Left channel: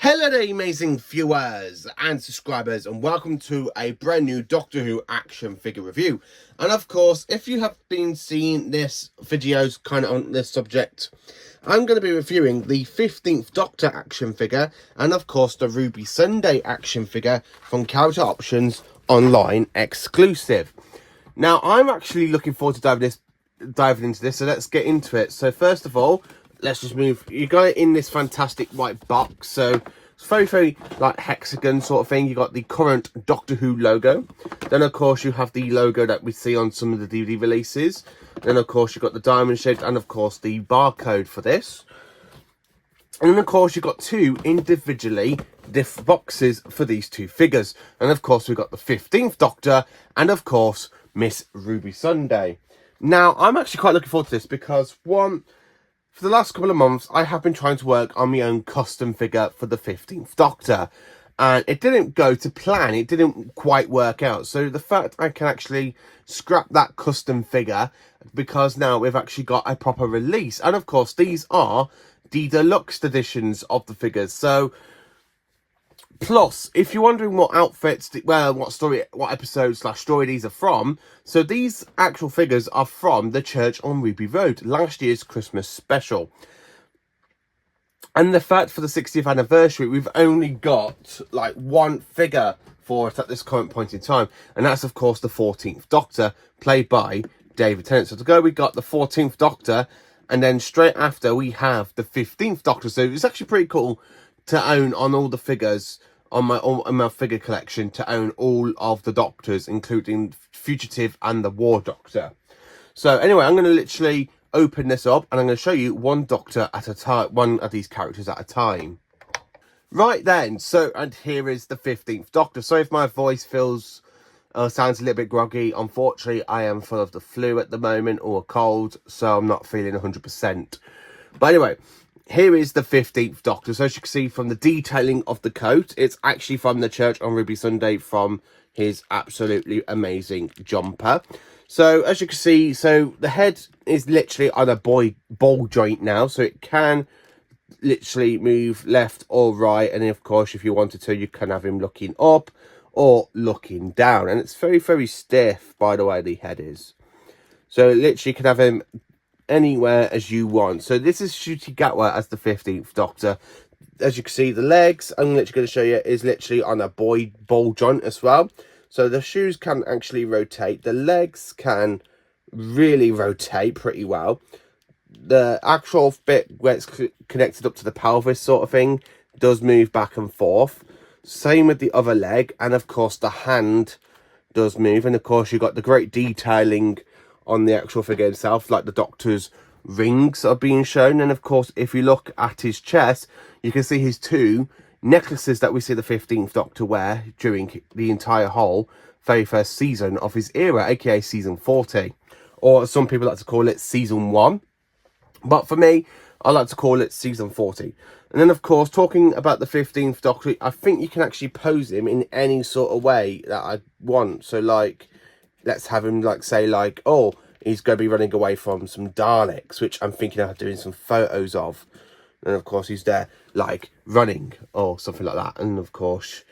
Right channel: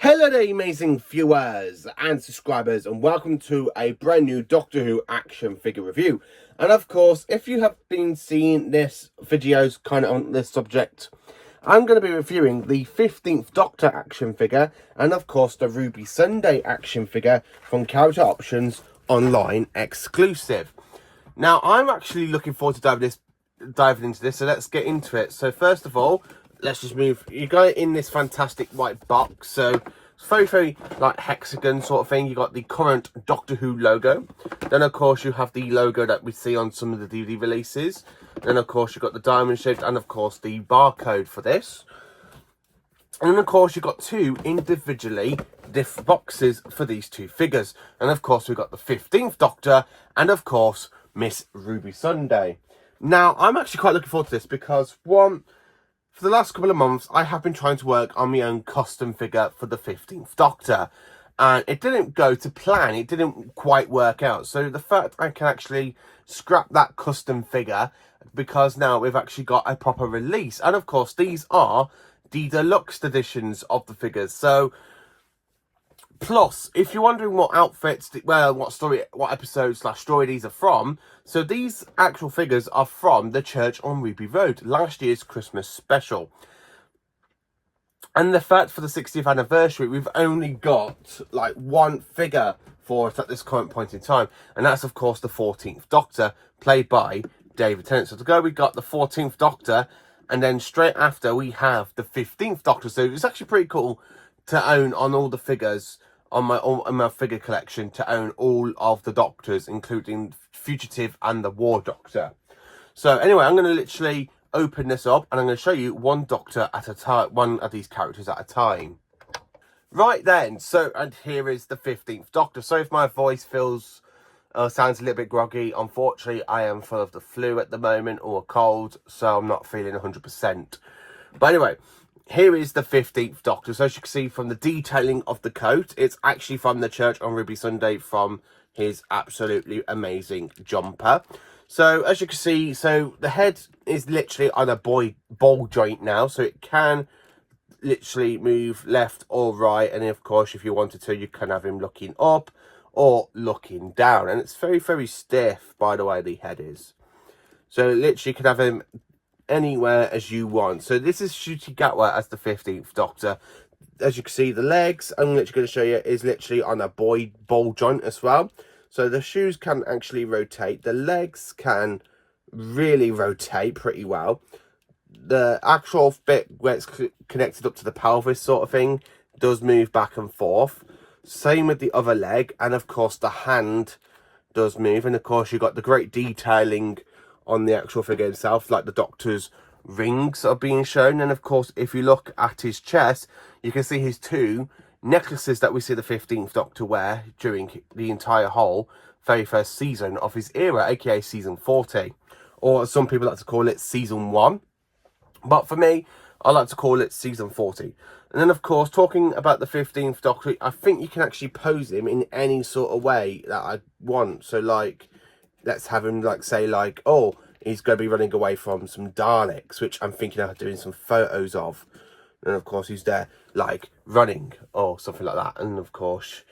Hello there, amazing viewers and subscribers, and welcome to a brand new Doctor Who action figure review. And of course, if you have been seeing this videos kind of on this subject, I'm going to be reviewing the 15th Doctor action figure and of course the Ruby Sunday action figure from Character Options Online exclusive. Now, I'm actually looking forward to diving into this, so let's get into it. So first of all, let's just move. You got it in this fantastic white box, so it's very like hexagon sort of thing. You got the current Doctor Who logo, then of course you have the logo that we see on some of the DVD releases, then of course you've got the diamond shaped and of course the barcode for this, and then of course you've got two individually diff boxes for these two figures, and of course we've got the 15th Doctor and of course Miss Ruby Sunday. Now I'm actually quite looking forward to this because for the last couple of months, I have been trying to work on my own custom figure for the 15th Doctor. And it didn't go to plan. It didn't quite work out. So the fact I can actually scrap that custom figure, because now we've actually got a proper release. And of course, these are the deluxe editions of the figures. So, plus, if you're wondering what outfits, well, what episodes / story these are from, so these actual figures are from the Church on Ruby Road, last year's Christmas special. And the fact for the 60th anniversary, we've only got like one figure for it at this current point in time, and that's of course the 14th Doctor, played by David Tennant. So to go, we got the 14th Doctor, and then straight after we have the 15th Doctor. So it's actually pretty cool to own on all the figures on my figure collection, to own all of the Doctors, including Fugitive and the War Doctor. So anyway, I'm going to literally open this up and I'm going to show you one Doctor at a time, one of these characters at a time. Right then, so, and here is the 15th Doctor. Sorry if my voice sounds a little bit groggy. Unfortunately, I am full of the flu at the moment, or a cold, so I'm not feeling 100%. But anyway, here is the 15th Doctor. So as you can see from the detailing of the coat, it's actually from the Church on Ruby Sunday, from his absolutely amazing jumper. So as you can see, so the head is literally on a ball joint now, so it can literally move left or right, and of course if you wanted to, you can have him looking up or looking down, and it's very stiff, by the way, the head is. So literally you can have him anywhere as you want. So this is Ncuti Gatwa as the 15th Doctor. As you can see, the legs, I'm literally going to show you, is literally on a ball joint as well. So the shoes can actually rotate. The legs can really rotate pretty well. The actual bit where it's connected up to the pelvis sort of thing does move back and forth. Same with the other leg. And of course the hand does move. And of course you've got the great detailing on the actual figure himself, like the Doctor's rings are being shown. And of course, if you look at his chest, you can see his two necklaces that we see the 15th Doctor wear during the entire whole very first season of his era, aka season 40, or some people like to call it season 1, but for me, I like to call it season 40. And then of course, talking about the 15th Doctor, I think you can actually pose him in any sort of way that I want. So like, let's have him like, say like, oh, he's going to be running away from some Daleks, which I'm thinking of doing some photos of. And of course he's there like running or something like that. And of course,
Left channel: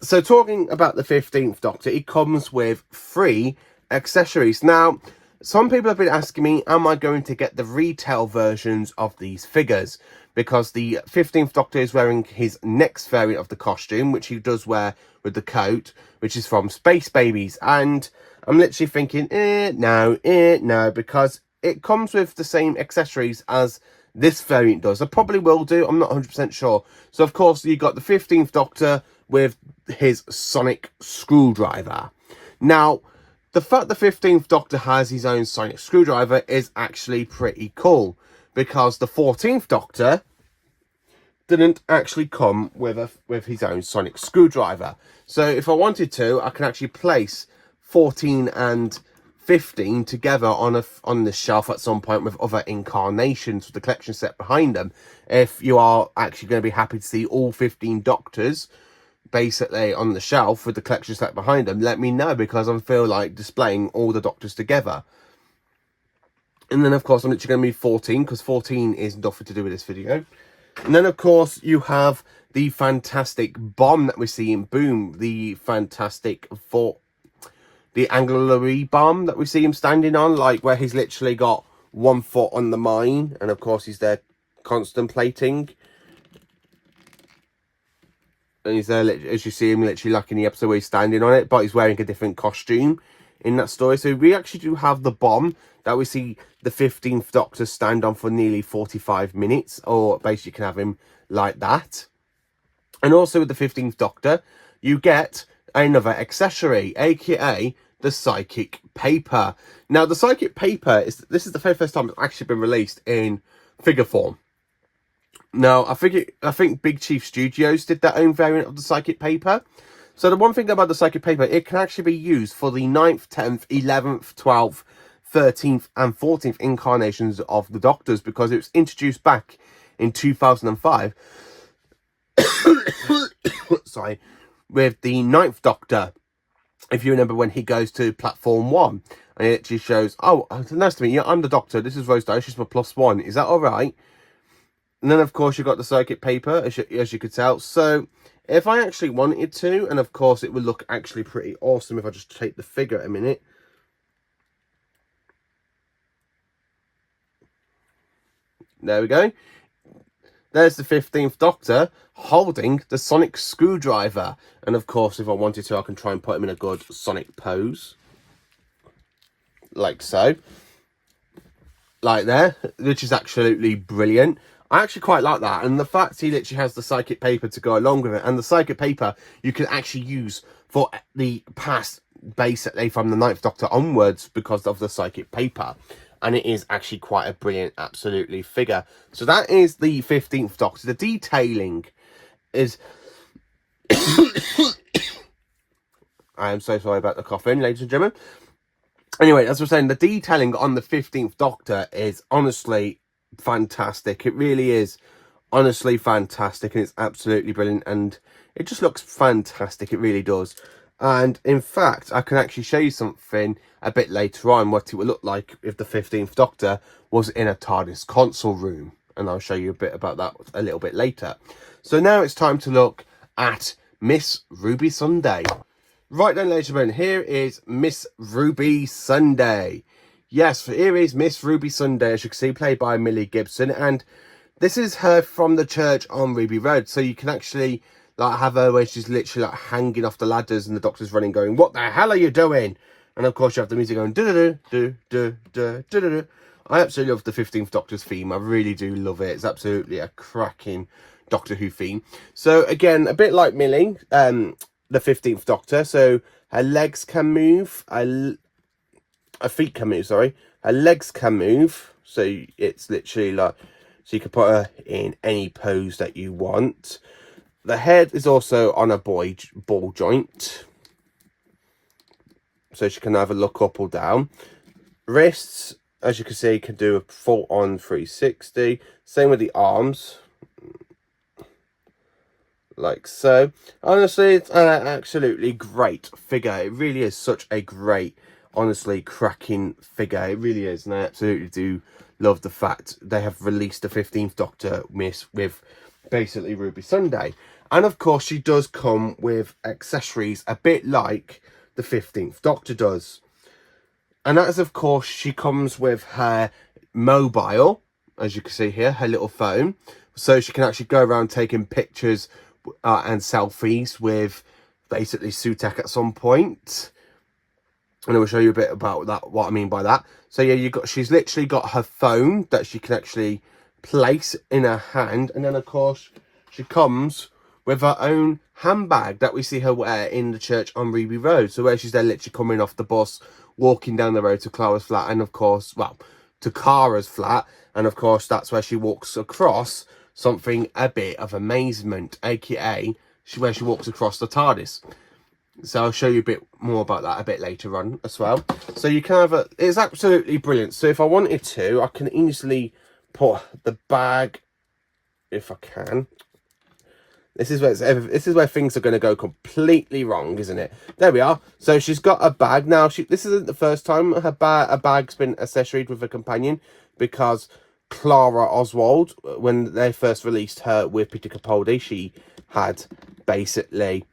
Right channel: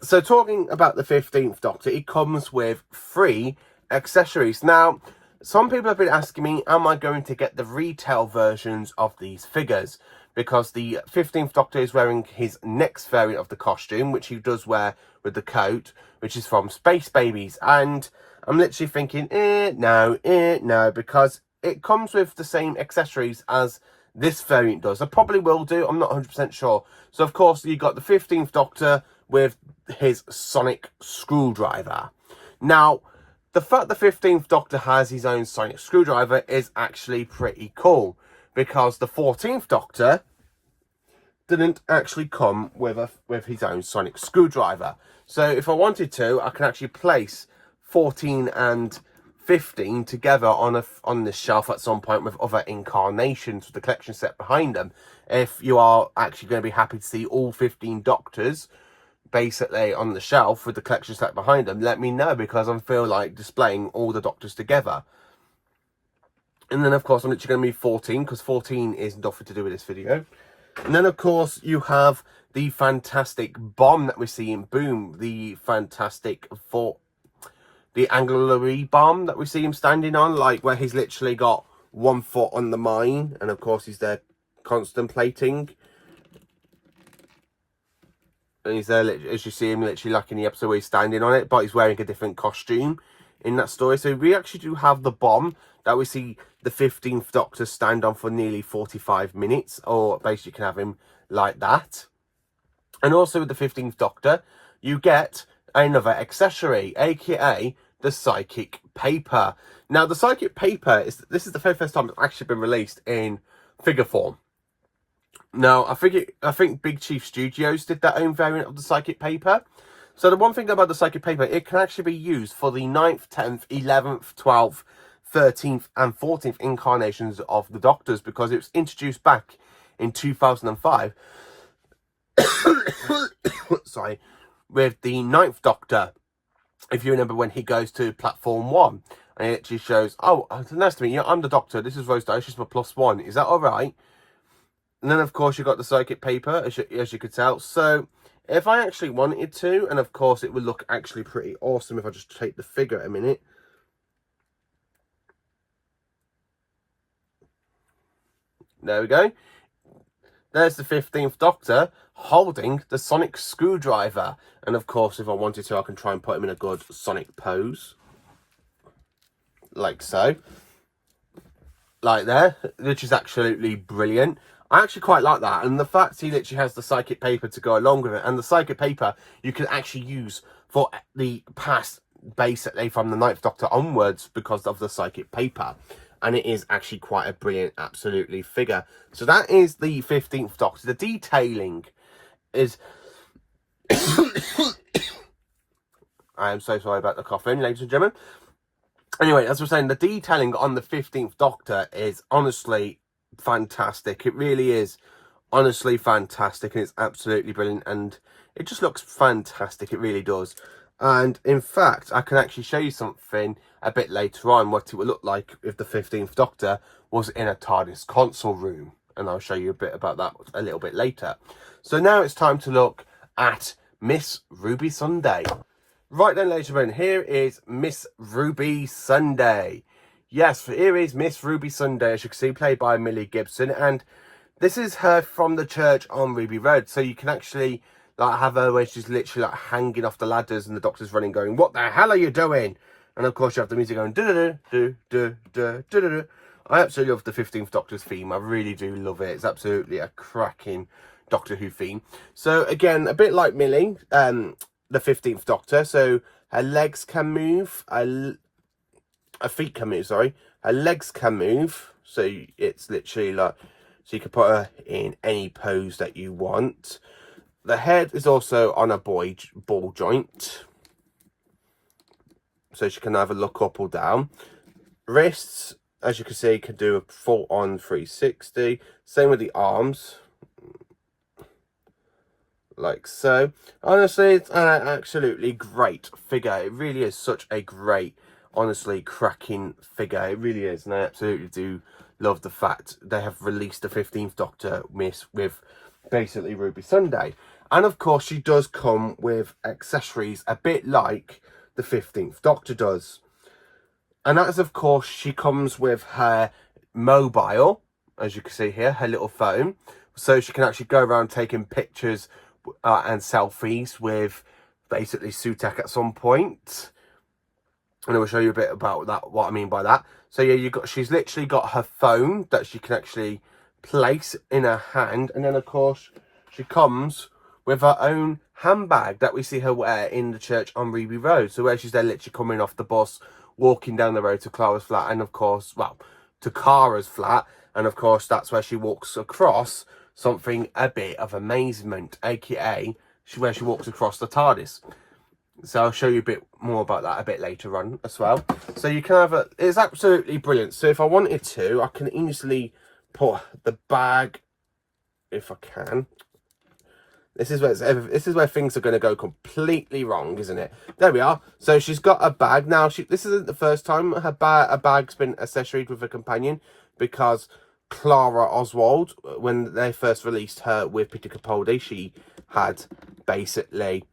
so talking about the 15th Doctor, he comes with 3 accessories. Now, some people have been asking me, am I going to get the retail versions of these figures? Because the 15th Doctor is wearing his next variant of the costume, which he does wear with the coat, which is from Space Babies. And I'm literally thinking, no, because it comes with the same accessories as this variant does. I probably will do, I'm not 100% sure. So of course you got the 15th Doctor with his sonic screwdriver. Now, the fact the 15th Doctor has his own sonic screwdriver is actually pretty cool, because the 14th Doctor didn't actually come with his own sonic screwdriver. So if I wanted to, I can actually place 14 and 15 together on this shelf at some point with other incarnations with the collection set behind them. If you are actually going to be happy to see all 15 Doctors basically on the shelf with the collection set behind them, let me know, because I feel like displaying all the Doctors together. And then of course I'm literally going to move 14, because 14 is nothing to do with this video. And then of course you have the fantastic bomb that we see in Boom, the fantastic the angulary bomb that we see him standing on, like where he's literally got 1 foot on the mine, and of course he's there contemplating. And he's there, as you see him, literally like in the episode where he's standing on it, but he's wearing a different costume in that story. So we actually do have the bomb that we see the 15th Doctor stand on for nearly 45 minutes, or basically you can have him like that. And also with the 15th Doctor, you get another accessory, aka the psychic paper. Now the psychic paper this is the very first time it's actually been released in figure form. Now I think Big Chief Studios did their own variant of the psychic paper. So the one thing about the psychic paper, it can actually be used for the 9th, 10th, 11th, 12th, 13th and 14th incarnations of the Doctors, because it was introduced back in 2005 sorry, with the 9th Doctor. If you remember when he goes to platform 1 and it actually shows, oh, nice to meet you, I'm the Doctor, this is Rose Dye, she's my +1, is that all right? And then of course you got the psychic paper, as you could tell. So if I actually wanted to, and of course it would look actually pretty awesome if I just take the figure a minute. There we go. There's the 15th Doctor holding the sonic screwdriver. And of course, if I wanted to, I can try and put him in a good sonic pose. Like so. Like there, which is absolutely brilliant. I actually quite like that. And the fact he literally has the psychic paper to go along with it. And the psychic paper you can actually use for the past, basically from the 9th Doctor onwards, because of the psychic paper. And it is actually quite a brilliant, absolutely, figure. So that is the 15th Doctor. The detailing is... I am so sorry about the coughing, ladies and gentlemen. Anyway, as I was saying, the detailing on the 15th Doctor is honestly fantastic. It really is honestly fantastic, and it's absolutely brilliant. And it just looks fantastic. It really does. And in fact, I can actually show you something a bit later on, what it would look like if the 15th Doctor was in a TARDIS console room. And I'll show you a bit about that a little bit later. So now it's time to look at Miss Ruby Sunday. Right then, ladies and gentlemen, here is Miss Ruby Sunday. Yes, here is Miss Ruby Sunday, as you can see, played by Millie Gibson. And this is her from the church on Ruby Road. So you can actually... like have her where she's literally like hanging off the ladders and the Doctor's running going, what the hell are you doing? And of course you have the music going, do-do-do-do-do-do-do-do. I absolutely love the 15th Doctor's theme. I really do love it. It's absolutely a cracking Doctor Who theme. So again, a bit like Millie, the 15th Doctor. So her legs can move, her feet can move, sorry. Her legs can move. So it's literally like, so you can put her in any pose that you want. The head is also on a ball joint, so she can either look up or down. Wrists, as you can see, can do a full-on 360. Same with the arms, like so. Honestly, it's an absolutely great figure. It really is such a great, honestly, cracking figure. It really is, and I absolutely do love the fact they have released the 15th Doctor with basically Ruby Sunday. And of course she does come with accessories a bit like the 15th Doctor does. And that is, of course, she comes with her mobile, as you can see here, her little phone. So she can actually go around taking pictures and selfies with basically Sutek at some point. And I will show you a bit about that, what I mean by that. So yeah, she's literally got her phone that she can actually place in her hand. And then, of course, she comes with her own handbag that we see her wear in the church on Ruby Road. So where she's there literally coming off the bus, walking down the road to Clara's flat, and of course, well, to Kara's flat. And of course, that's where she walks across something a bit of amazement, aka where she walks across the TARDIS. So I'll show you a bit more about that a bit later on as well. So you can have it's absolutely brilliant. So if I wanted to, I can easily put the bag, if I can. This is where things are going to go completely wrong, isn't it? There we are. So she's got a bag now. This isn't the first time a bag's been accessoried with a companion, because Clara Oswald, when they first released her with Peter Capaldi, she had basically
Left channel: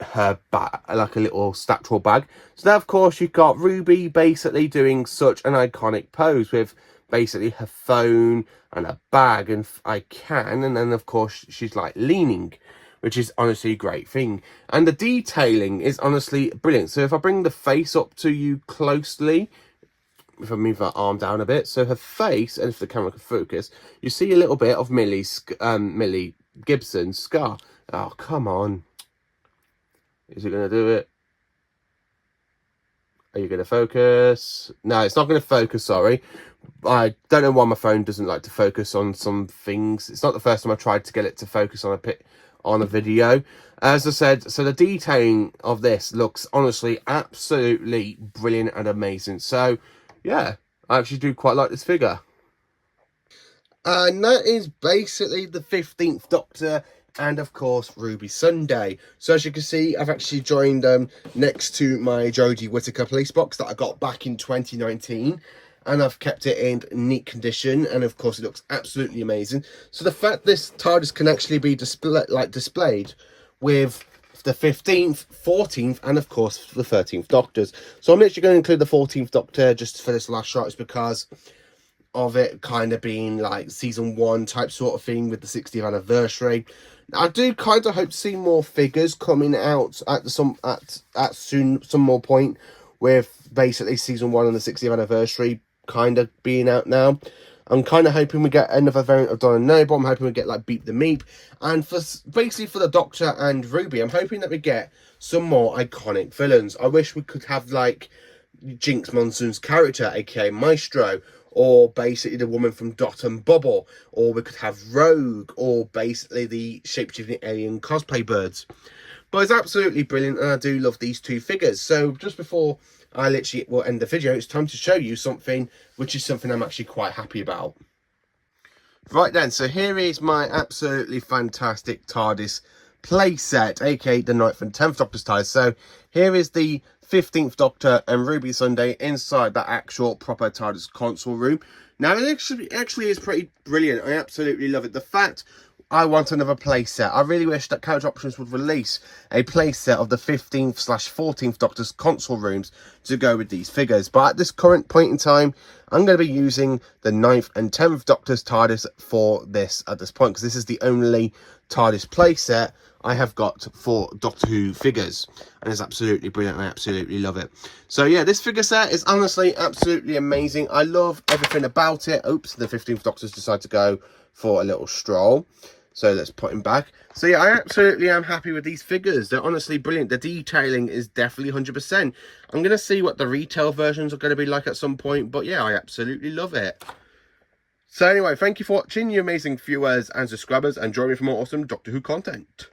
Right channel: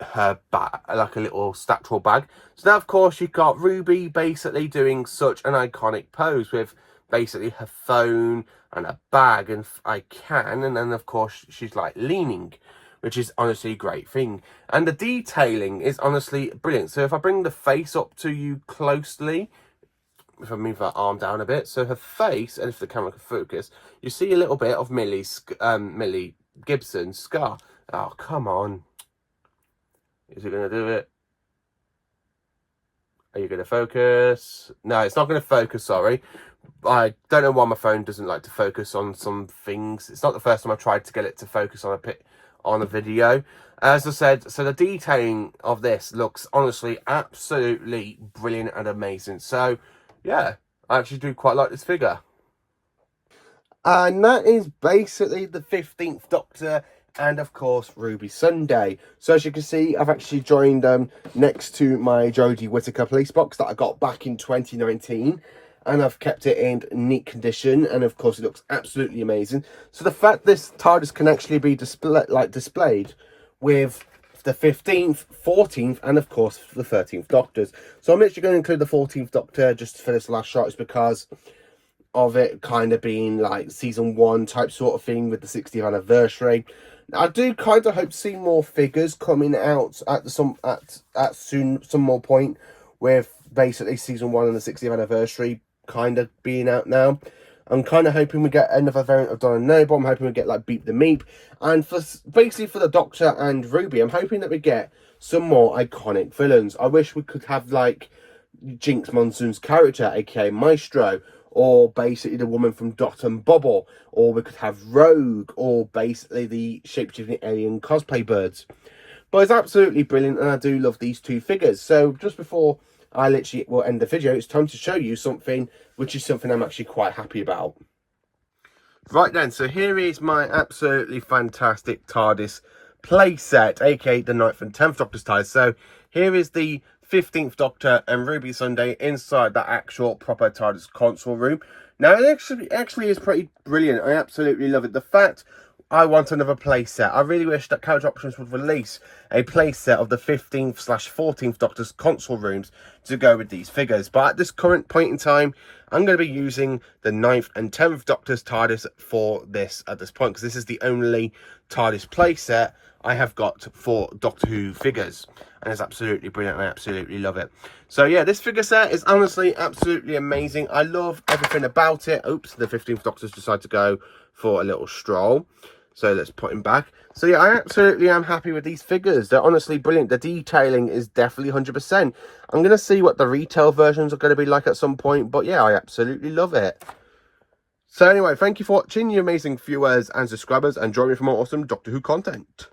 her bag, like a little statual bag. So now of course you've got Ruby basically doing such an iconic pose with basically her phone and a bag and and then of course she's like leaning, which is honestly a great thing, and the detailing is honestly brilliant. So if I bring the face up to you closely, if I move her arm down a bit, so her face, and if the camera can focus, you see a little bit of Millie Gibson's scar. Oh, come on. Is it going to do it? Are you going to focus? No, it's not going to focus, sorry. I don't know why my phone doesn't like to focus on some things. It's not the first time I tried to get it to focus on a video. As I said, so the detailing of this looks honestly absolutely brilliant and amazing. So, yeah, I actually do quite like this figure. And that is basically the 15th Doctor and of course Ruby Sunday. So as you can see, I've actually joined next to my Jodie Whittaker police box that I got back in 2019, and I've kept it in neat condition, and of course it looks absolutely amazing. So the fact this TARDIS can actually be displayed with the 15th, 14th, and of course the 13th Doctors. So I'm literally going to include the 14th Doctor just for this last shot, is because of it kind of being like season 1 type sort of thing with the 60th anniversary. I do kind of hope to see more figures coming out at some more point, with basically season 1 and the 60th anniversary kind of being out now. I'm kind of hoping we get another variant of Donna Noble. I'm hoping we get like Beep the Meep, and for basically for the Doctor and Ruby, I'm hoping that we get some more iconic villains. I wish we could have like Jinx Monsoon's character, aka Maestro, or basically the woman from Dot and Bubble, or we could have Rogue, or basically the shape-shifting alien cosplay birds. But it's absolutely brilliant, and I do love these two figures. So just before I literally will end the video, it's time to show you something, which is something I'm actually quite happy about. Right then, so here is my absolutely fantastic TARDIS playset, aka the 9th and 10th Doctor's TARDIS. So here is the 15th Doctor and Ruby Sunday inside that actual proper TARDIS console room. Now it actually is pretty brilliant. I absolutely love it. The fact I want another playset. I really wish that Couch Options would release a playset of the 15th/14th Doctor's console rooms to go with these figures. But at this current point in time, I'm going to be using the 9th and 10th Doctor's TARDIS for this at this point, because this is the only TARDIS playset I have got for Doctor Who figures, and it's absolutely brilliant. I absolutely love it. So yeah, this figure set is honestly absolutely amazing. I love everything about it. Oops, the 15th Doctor's decided to go for a little stroll, so let's put him back. So yeah, I absolutely am happy with these figures. They're honestly brilliant. The detailing is definitely 100%. I'm going to see what the retail versions are going to be like at some point, but yeah, I absolutely love it. So anyway, thank you for watching, you amazing viewers and subscribers, and join me for more awesome Doctor Who content.